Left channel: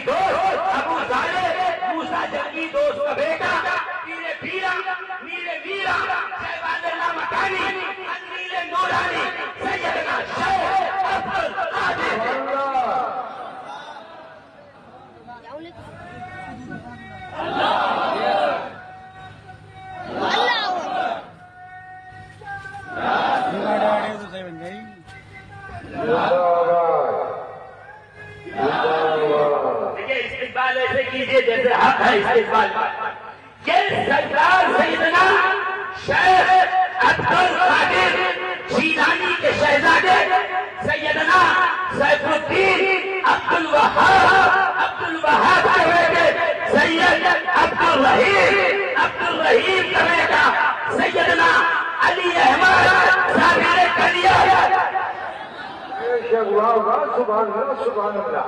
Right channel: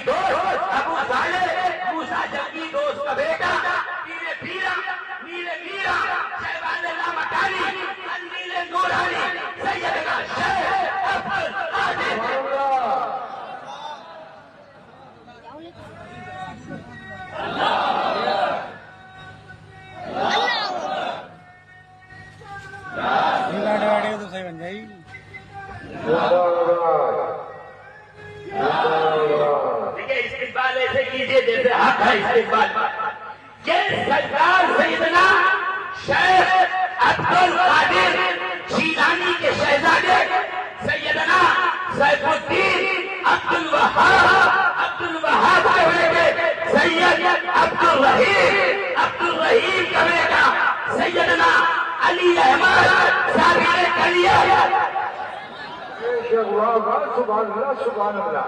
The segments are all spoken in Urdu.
جنگی دوست ابو طالب، موسیٰ جنگی دوست کا بیٹا، میرے پیرا میرے میرا شہباز لامکانی، انجیل نورانی، سیدنا شیخ عبد القادر استقبال ایسے کیجیے جیسے حق ہے استقبال کہ سرکار سیدنا شیخ عبد القادر جیلانی کے شہزادے سیدنا سیف الدین عبد الوہاب کے بیٹے سید عبد الرحیم کا بیٹا سیدنا علی احمد صابر کلیا. سبحان اللہ سبحان اللہ.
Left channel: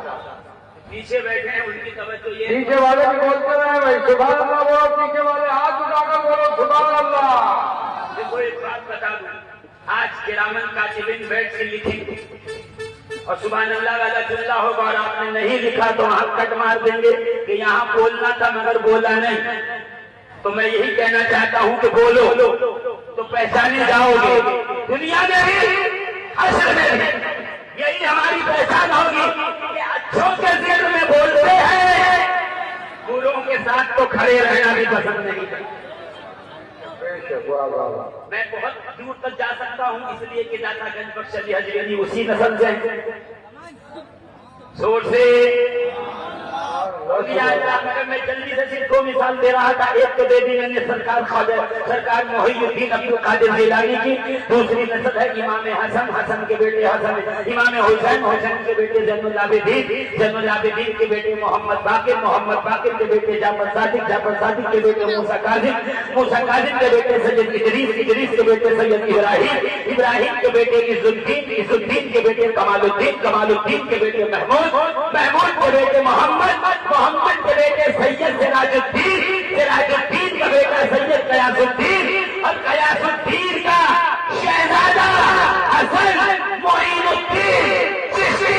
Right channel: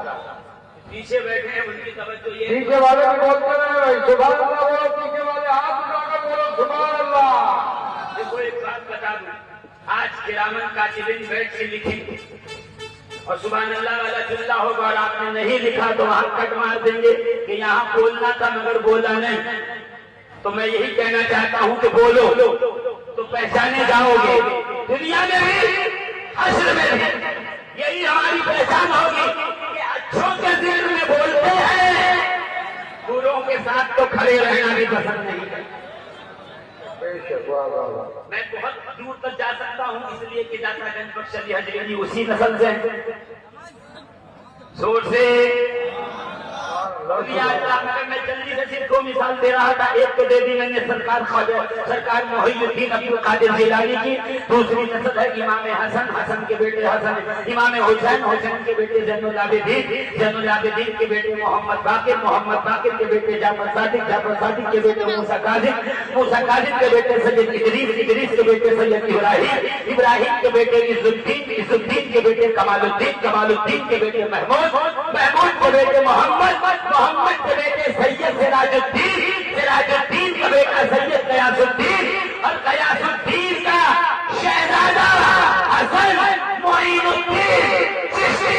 پیچھے بیٹھے ہیں ان کی توجہ یہ پیچھے والے بھی بولتے ہیں بھائی سبحان اللہ بولو، پیچھے والے ہاتھ اٹھا کر بولو سبحان اللہ. دیکھو ایک بات بتا دوں، آج کرامن کاتبین بیٹھ کے لکھی اور سبحان اللہ والا جملہ ہوگا اور آپ نے نہیں لکھا تو وہاں کٹ مار دیں گے کہ یہاں بولنا تھا مگر بولا نہیں. تو میں یہی کہنا چاہتا ہوں کہ بولو تو پہچانے جاؤ گے دنیا میں بھی حشر میں بھی. یہی ہماری پہچان ہوگی کہ اچھوں کے ذکر میں بولتے ہیں، بروں کے ساتھ تو کھڑے رہنا بھی پسند نہیں کرتے. میں بہت دور تک جا سکتا ہوں اس لیے کہ داتا گنج بخش علی حجویری اسی نسل سے زور سے. میں جلدی سے صرف 2 مثال دے رہا تھا. ایک تو دے دی میں نے سرکار محی الدین عبد القادر جیلانی کی. دوسری نسل ہے امام حسن کے بیٹے حسن، امام حسین کے بیٹے زین العابدین کے بیٹے محمد باقر کے بیٹے جعفر صادق کے بیٹے موسیٰ کاظم کے بیٹے سید ادریس کے بیٹے سید ابراہیم کے بیٹے عز الدین کے بیٹے کمال الدین کے بیٹے محمود کے بیٹے محمد کے بیٹے سید سراج الدین کا بیٹا سید قیاس الدین اور قیاس الدین کا شہزادہ حسن معین الدین چشتی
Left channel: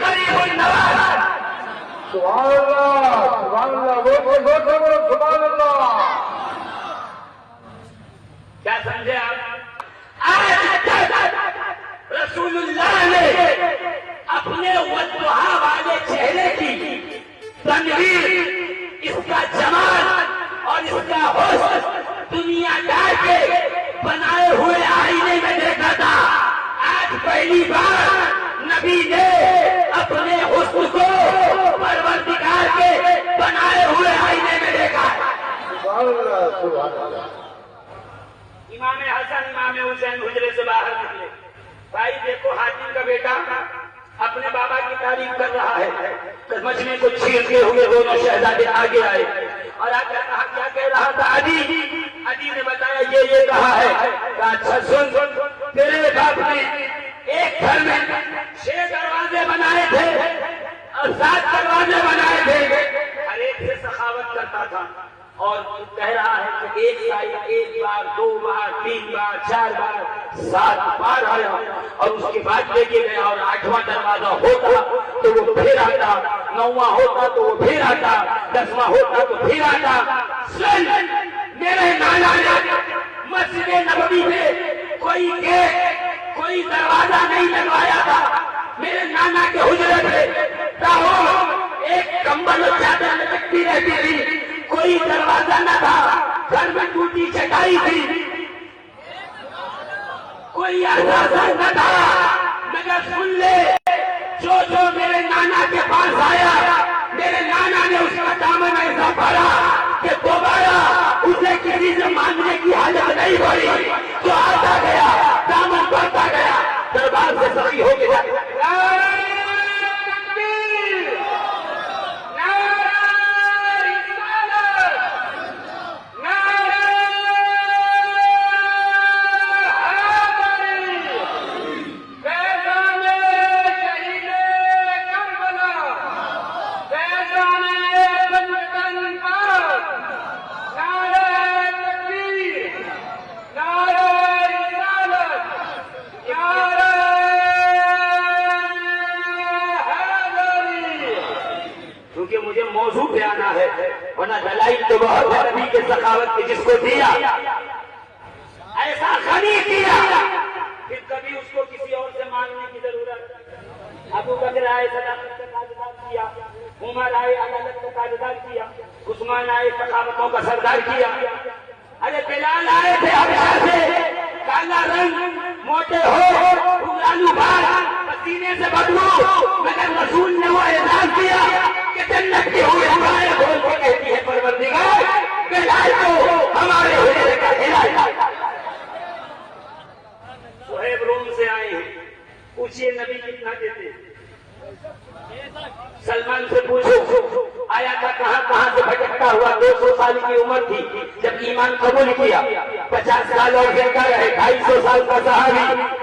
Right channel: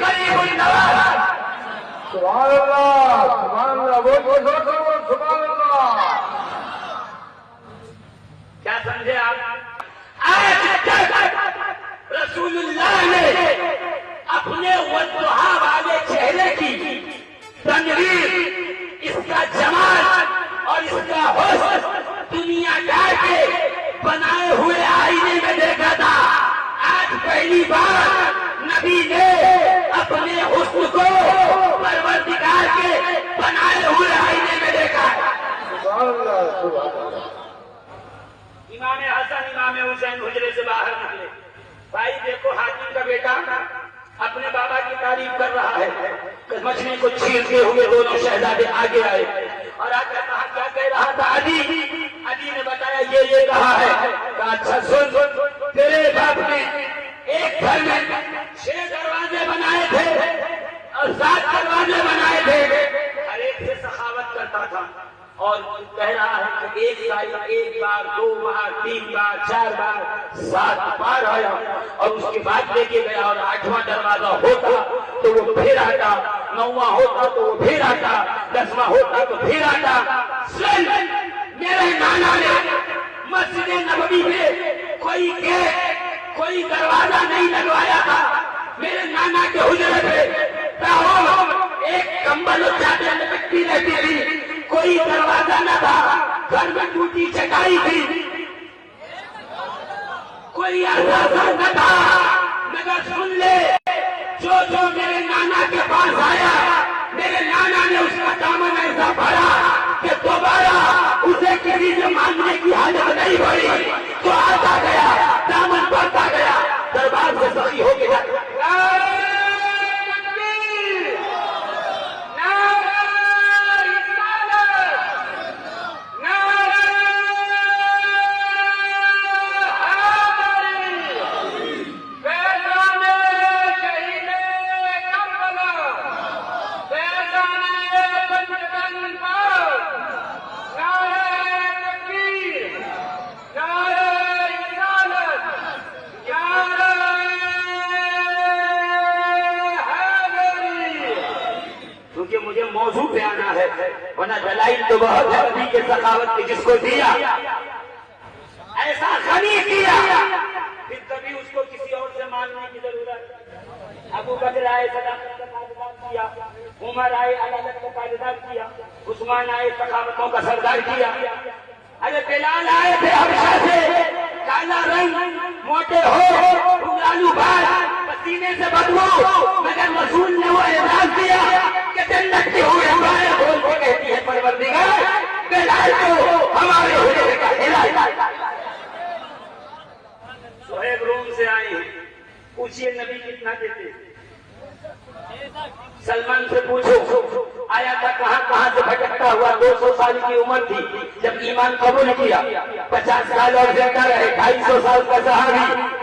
قریب النواز. سبحان اللہ بولو سبحان اللہ. کیا سمجھے آپ؟ آج رسول اللہ نے اپنے والضحیٰ والے چہرے کی تنویر، اس کا جمال اور اس کا حسن دنیا دار کے بنائے ہوئے آئینے میں دیکھا تھا. آج پہلی بار نبی نے اپنے حسن کو پروردگار کے بنائے ہوئے آئینے میں دیکھا. سبحان اللہ سبحان اللہ. امام حسن امام حسین حجرے سے باہر نکلے. بھائی دیکھو حاتم کا بیٹا اپنے بابا کی تعریف کر رہا ہے. مچھلی کو چھیلتے ہوئے دونوں شہزادے آگے آئے اور آ کر کہا کیا کہہ رہا تھا علی نے بتایا یہ کہا ہے. کہا اچھا سن تیرے باپ نے ایک گھر میں 6 دروازے بنائے تھے اور 7 دروازے بنائے تھے. ہر ایک سے سخاوت کرتا تھا اور کہہ رہا ہے کہ ایک بار 2 بار 3 بار 4 بار 7 بار آیا اور اس کے بعد لے کے گیا. اور 8واں دروازہ ہوتا تو وہ پھر آتا، 9واں ہوتا تو وہ پھر آتا، 10واں ہوتا تو پھر آتا. میرے نانا نے مسجد نبوی میں کوئی گیٹ کوئی دروازہ نہیں لگوایا تھا. میرے نانا کے حجرے پہ ایک کمبل اور چادر لٹکتی رہتی تھی، کوئی دروازہ نہ تھا. گھر میں ٹوٹی چٹائی تھی، کوئی اثاثہ نہ تھا. مگر سن لے جو میرے نانا کے پاس آیا، میرے نانا نے اس کا دامن ایسا بھرا کہ دوبارہ اسے کسی سے مانگنے کی حاجت نہیں پڑی. جو آتا گیا دامن بڑھتا گیا، دربار سے سخی ہو گیا. کیونکہ مجھے موضوع پہ آنا ہے، ورنہ دلائل تو بہت ہے نبی کے سخاوت کے، جس کو دیا ایسا غنی کیا پھر کبھی اس کو کسی اور سے مانگنے کی ضرورت۔ ابو بکر آئے صداقت کا تاجدار کیا، عمر آئے عدالت کا تاجدار کیا، عثمان آئے سخاوتوں کا سردار کیا، ارے بلال آئے تھے حبشہ سے، کالا رنگ، موٹے ہو، لالو بھائی، پسینے سے بدبو، مگر رسول نے وہ اعلان کیا کہ جنت کی ہوئی ہمارے بول کو کہتی ہے پروردگار بلال کو ہمارے ہوئے کا ہدایت۔ صہیب روم سے آئے ہیں، پوچھئے نبی کتنا دیتے؟ سلمان سے پوچھو آیا تھا کہاں کہاں سے بھٹکتا ہوا، 200 سال کی عمر تھی جب ایمان قبول کیا، 50 سال اور زندہ رہے، 250 سال کا صحابی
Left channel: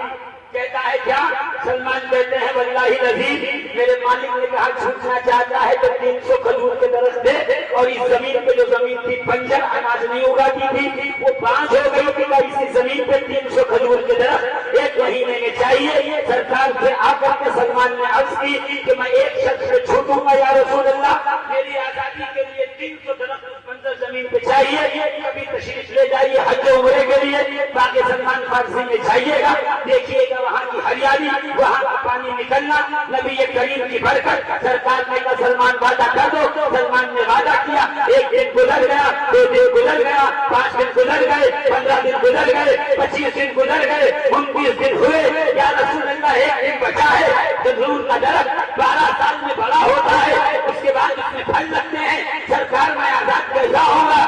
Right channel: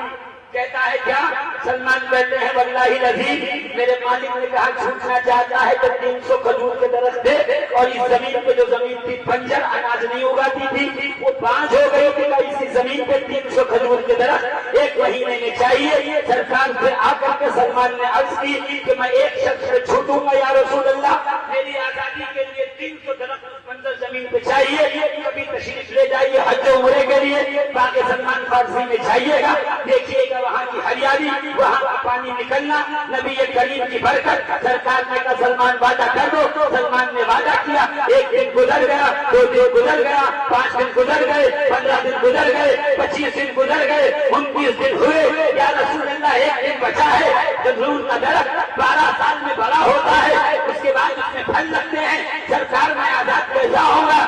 کہتا ہے کیا؟ سلمان کہتے ہیں واللہ العظیم میرے مالک نے کہا چھوٹنا چاہتا ہے تو 300 کھجور کے درخت دے، اور اس زمین پہ جو زمین تھی بنجر اناج نہیں اگاتی تھی وہ بانجھ ہو گئی کہ اسی زمین پہ 300 کھجور کے درخت 1 مہینے میں چاہیے۔ سرکار سے آ کر کے سلمان نے عرض کی کہ میں ایک شخص سے چھوٹوں گا یا رسول اللہ، میری آزادی کے لیے 300 درخت اس بنجر زمین پہ چاہیے، کبھی تشریف لے جائیے حج عمرے کے لیے، باقی سلمان فارسی میں چاہیے گا، دیکھیے گا وہاں کی ہریالی، وہاں کا پانی نکلنا، نبی کریم کی برکت۔ سرکار نے کہا سلمان وعدہ کر دو، سلمان نے وعدہ کیا، 1 دن گزر گیا، 2 دن گزر گیا، 5 دن گزر گئے، 15 دن گزر گئے، 25 دن گزر گئے، 29 دن ہوئے، یا رسول اللہ 1 دن بچا ہے۔ کھجور کا درخت 12 سال میں بڑا ہوتا ہے، اس کے بعد اس میں پھل لگتے ہیں، سرکار میں آزاد کیسا ہوگا؟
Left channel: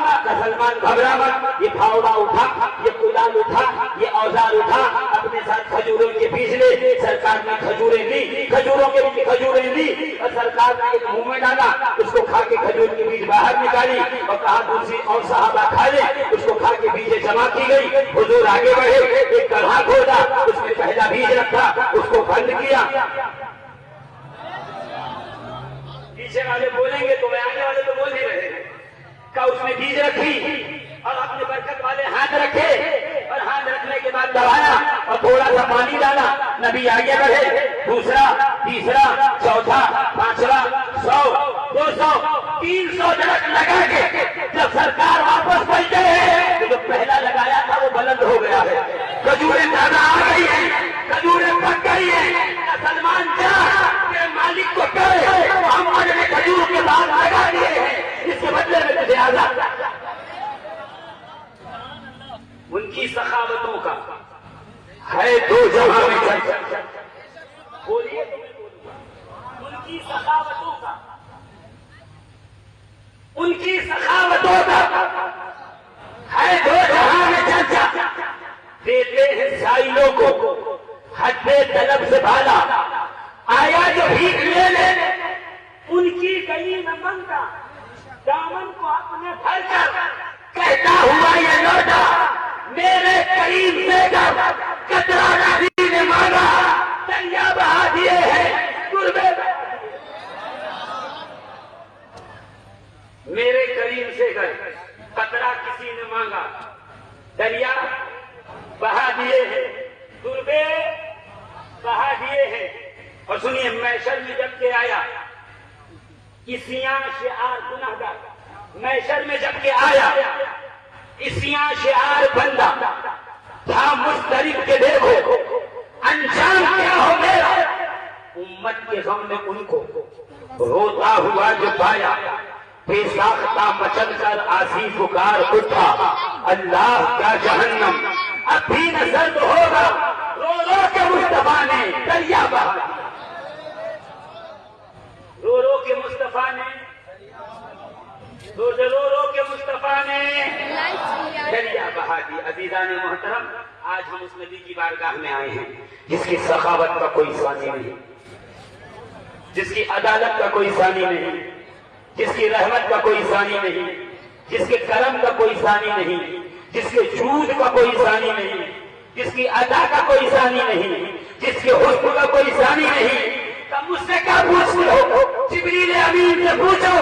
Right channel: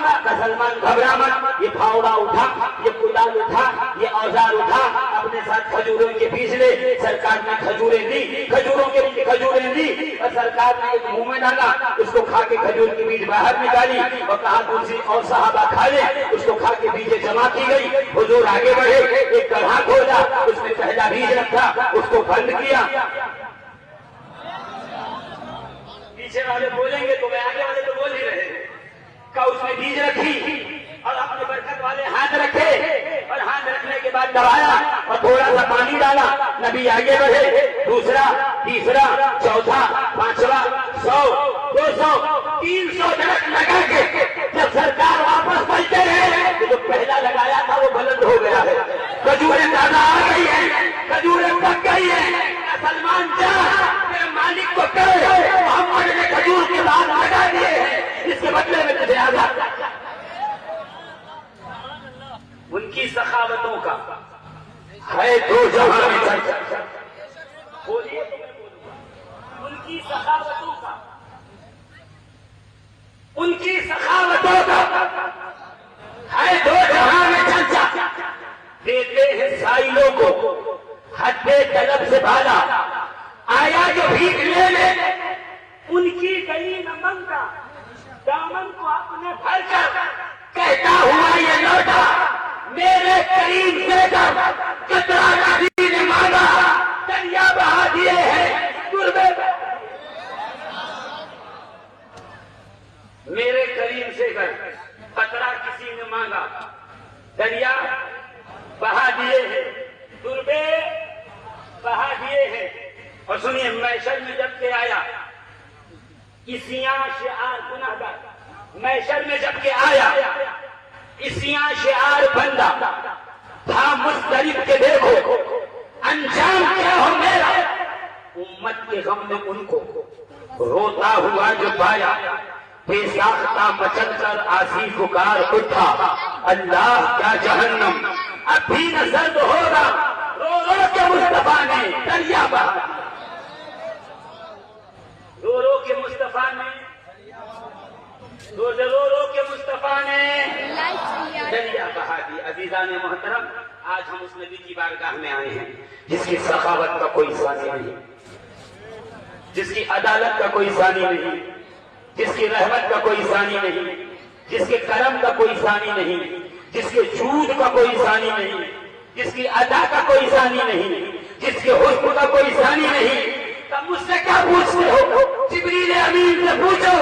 سلمان گھبرا مت، یہ پھاوڑا اٹھا، یہ کلال اٹھا، یہ اوزار اٹھا، اپنے ساتھ کھجوروں کے بیج لے۔ سرکار نے کھجوریں دی، کھجوروں کے بیج کھجوریں دی، اور سرکار نے ایک منہ میں ڈالا، اس کو کھا کے کھجور کے بیج باہر نکالی اور کہا دوسری اور صحابہ کھا لے، اس کو کھا کے بیجیں جمع کی گئی۔ حضور آگے بڑھے، ایک گڑھا کھولا، اس میں پہلا بیج رکھا، اس کو بند کیا۔ پیچھے والے بولیں گے تو آگے والے تو بول ہی رہے ہیں، کا اس نے بیج رکھی اور اپنے برکت والے ہاتھ رکھے، اور ہاتھ رکھنے کے بعد دبایا اور تھوڑا سا پانی ڈالا، نبی آگے بڑھے، دوسرا، تیسرا، چوتھا، 5واں، 100، 200، 300 درخت لگا کے جب سرکار واپس پلٹے ہیں تو جو پہلا لگایا تھا وہ بلند ہو گیا ہے، کھجوریں تازہ آ گئی ہیں، کھجوریں پک گئی ہیں۔ سلمان کیا میرے مالک کو کہے ہم نے کھجور کے بعد لگا دیے ہیں، اس کے بدلے میں تجھے آزاد۔ ان کی سخاوتوں کا ہے 2 جہاں میں چرچا، بولیے ان کی سخاوتوں کا، ان کی سخاوتوں کا ہے 2 جہاں میں چرچا۔ دیتے ہیں سائلوں کو حد طلب سے بھالا، آیا جو بھیک لے لے ان کی گئی نہ منگا، دامن کو اپنے بھر کر کہتا ہوا یہ لوٹا، میرے کریم سے جب قطرہ نبی نے مانگا دریا بہا دیے ہیں قربے۔ میرے کریم سے گر قطرہ کسی نے مانگا دریا بہا دیے ہیں، قربے بہا دیے ہیں۔ اور سنیے محشر میں جب کہ آیا اسیاں شعار گناہگار، محشر میں جب کہ آیا اسیاں شعار بندہ تھا مضطرب کے دیکھو انجام کیا ہو میرا، امت کے غم میں ان کو روتا ہوا جو پایا، بے ساختہ مچل کر آسی پکار اٹھا، اللہ کیا جہنم اب بھی نہ سرد ہوگا، رو رو کے مصطفیٰ نے دریا بہا دیا، رو رو کے مصطفیٰ نے، رو رو کے مصطفیٰ نے دریا بہا دی۔ عزیزان محترم، آج ہم اس نبی کی بارگاہ میں آئے ہیں جس کی سخاوت کا کوئی ثانی نہیں، جس کی عدالت کا کوئی ثانی نہیں، جس کی رحمت کا کوئی ثانی نہیں، جس کے کرم کا کوئی ثانی نہیں، جس کے جود کا کوئی ثانی نہیں، جس کی ادا کا کوئی ثانی نہیں، جس کے حسن کا کوئی ثانی نہیں۔ تم مجھ سے کیا پوچھتے ہو؟ جبریل امین سے پوچھو،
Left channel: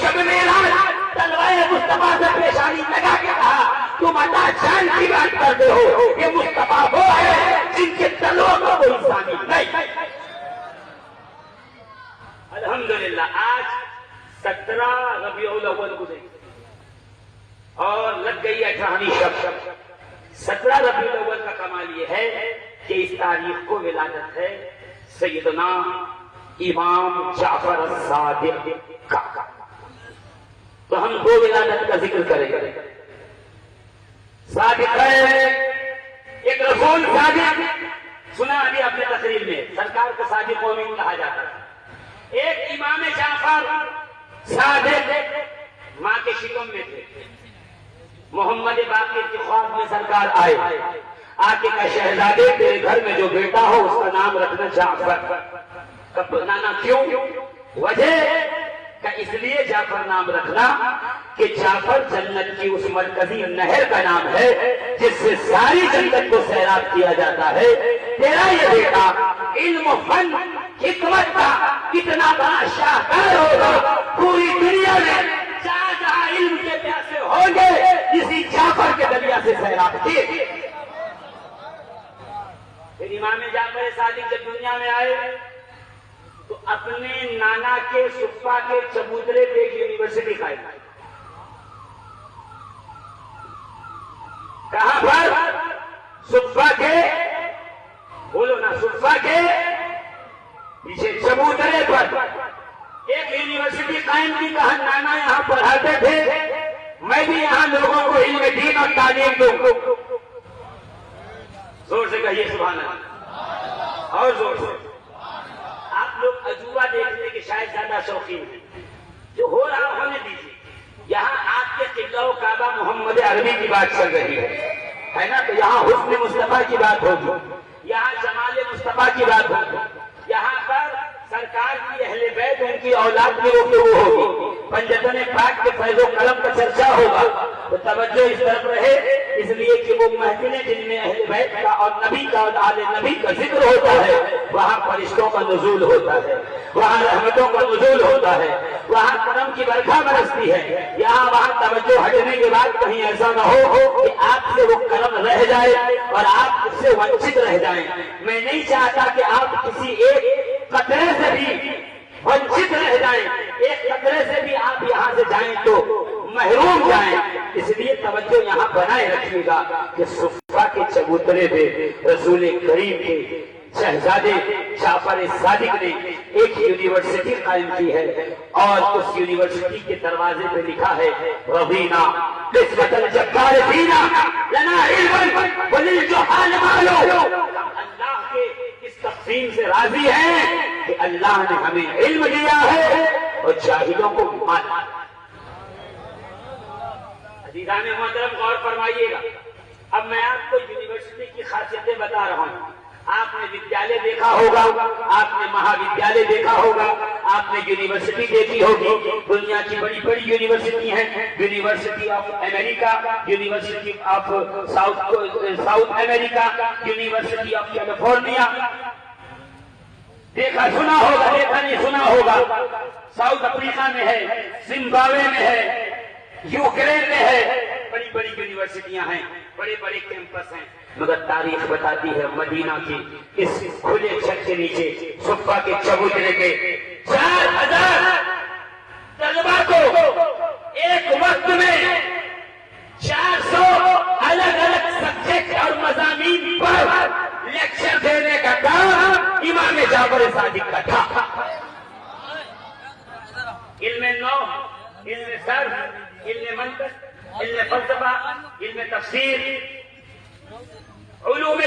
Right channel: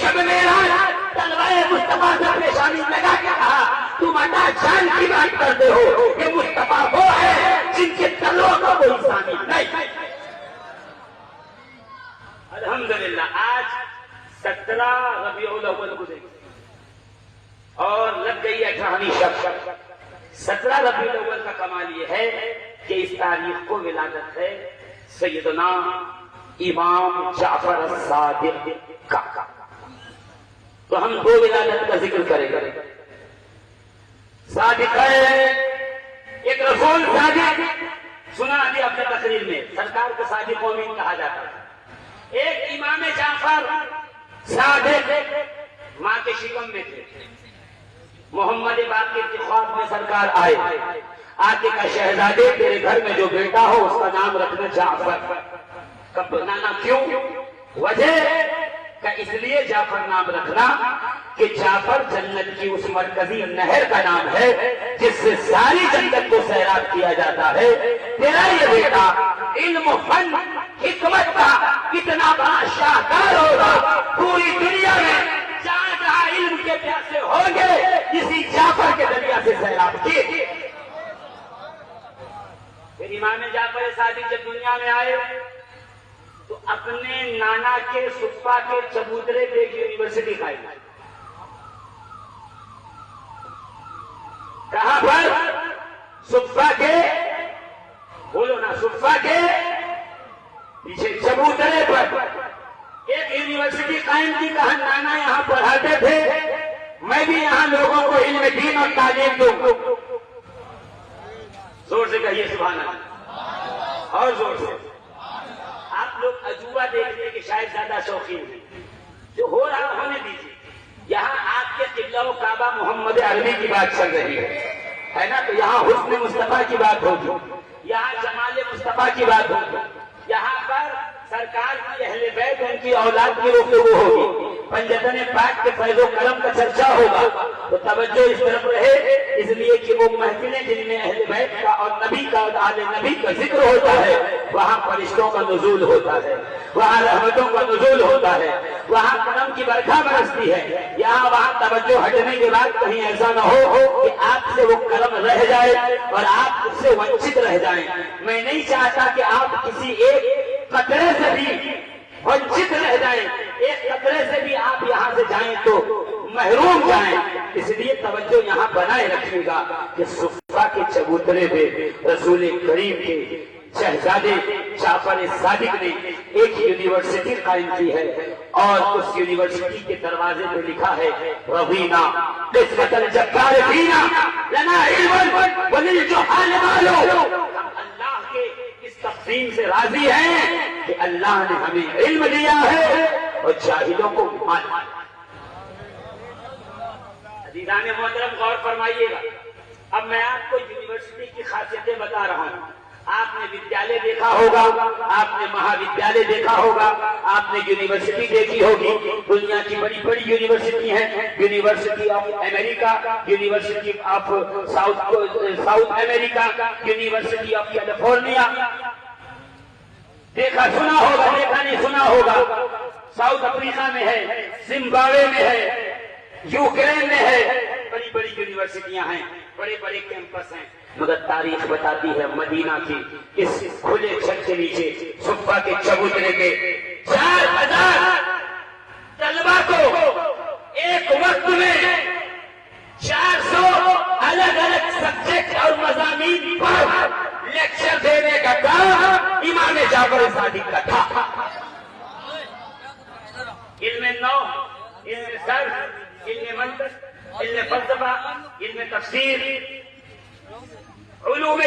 شب معراج تلوائے مصطفیٰ سے پیشانی لگا کے کہا تم عطا جان کی بات کرتے ہو، یہ مصطفیٰ وہ ہے جن کے تلوں کا کوئی ثانی نہیں۔ الحمدللہ آج 17 ربیع الاول گزری اور لگ گئی 18ویں شب. 17 ربیع الاول کا کمال یہ ہے کہ اس تاریخ کو ولادت ہے سیدنا امام جعفر الصادق کا. تو ہم دو ولادت کا ذکر کریں گے. صادق ہے ایک رسول صادق. سنا ابھی اپنے تقریر میں سرکار کو صادق امین کہا جاتا ہے. ایک امام جعفر صادق ماں کے شکم میں تھے. محمد باقر کے خواب میں سرکار آئے. آتے کا شہزادے تیرے گھر میں جو بیٹا ہو اس کا نام رکھنا جعفر. کب بنانا کیوں؟ وجہ کہ اس لیے جعفر نام رکھنا کہ جعفر جنت کی اس مرکزی نہر کا نام ہے جس سے ساری جنت کو سیراب کیا جاتا ہے. تیرا یہ بیٹا علم و فن حکمت کا کتنا بڑا شاہکار ہوگا. پوری دنیا میں جہاں علم کے پیاسے ہوں گے اسی جعفر کے دریا سے سیراب کیے. پھر امام جعفر صادق جب دنیا میں آئے تو اپنے نانا کے صفا کے چبوترے پہ ایک یونیورسٹی قائم کی. کہاں پر؟ صفا کے، بولو نا، صفا کے پیچھے چبوترے پر ایک یونیورسٹی قائم کی. کہا نانا یہاں پڑھاتے تھے، میں بھی یہاں لوگوں کو علم دین اور تعلیم دوں. زور سے کہیے سبحان اللہ، اور زور سے. آپ لوگ عجوبہ دیکھنے کے شاید زیادہ شوقین ہیں. جو ہو رہا ہونے دیجیے. یہاں آپ کے قبلہ و کعبہ محمد عربی کی بات چل رہی ہے نا؟ تو یہاں حسن مصطفیٰ کی بات ہوگی، یہاں جمال مصطفیٰ کی بات ہوگی. یہاں پر سرکار کی اہل بیت ان کی اولاد کی گفتگو ہوگی. پنجتن پاک کے فیض و کرم کا چرچا ہوگا. تو توجہ اس طرف رہے، اس لیے کہ وہ محفلیں جن میں اہل بیت کا اور نبی کا اور آل نبی کا ذکر ہوتا ہے وہاں فرشتوں کا نزول ہوتا ہے، وہاں رحمتوں کا نزول ہوتا ہے، وہاں کرم کی برکھا برستی ہے. یہاں وہاں توجہ ہٹنے کے بعد کہیں ایسا نہ ہو کہ آپ سے وہ کرم رہ جائے اور آپ اس سے ونچت رہ جائیں. میں نہیں چاہتا کہ آپ کسی ایک قطرے سے بھی ونچت رہ جائیں. ایک قطرے سے بھی آپ یہاں سے جائیں تو محروم جائیں. اس لیے توجہ یہاں بنائے رکھیے گا کہ صفا کے چبوترے پہ رسول کریم کے شہزادے جعفر صادق نے ایک یونیورسٹی قائم کی ہے اور اس یونیورسٹی کے دروازے پہ لکھا ہے رضینا قسمت الجبار فینا لنا علم وللجہال مالو. اللہ کے اس تقسیم سے راضی ہیں کہ اللہ نے ہمیں علم دیا ہے اور جاہلوں کو مال. عزیزان محترم غور فرمائیے گا. اب میں آپ کو یونیورسٹی کی خاصیتیں بتا رہا ہوں. آپ نے ودیالیہ دیکھا ہوگا، آپ نے مہا ودیالیہ دیکھا ہوگا، آپ نے یونیورسٹی دیکھی ہوگی. دنیا کی بڑی بڑی یونیورسٹی ہیں. University of America, university of south America, university of California. دیکھا سنا ہوگا، دیکھا نہیں سنا ہوگا. ساؤتھ افریقہ میں ہے، زمبابوے میں ہے، یوکرین میں ہے. بڑی بڑی یونیورسٹیاں ہیں، بڑے بڑے کیمپس ہیں. مگر تاریخ بتاتی ہے مدینہ کی اس کھلے چھت کے نیچے صفا کے چبوترے پہ 4000 طلبا کو ایک وقت میں 400 الگ الگ سبجیکٹ اور مضامین پر لیکچر دینے کا کام امام جعفر صادق کا تھا. علم نو، علم صرف، علم منطق، علم فلسفہ، علم تفسیر، علوم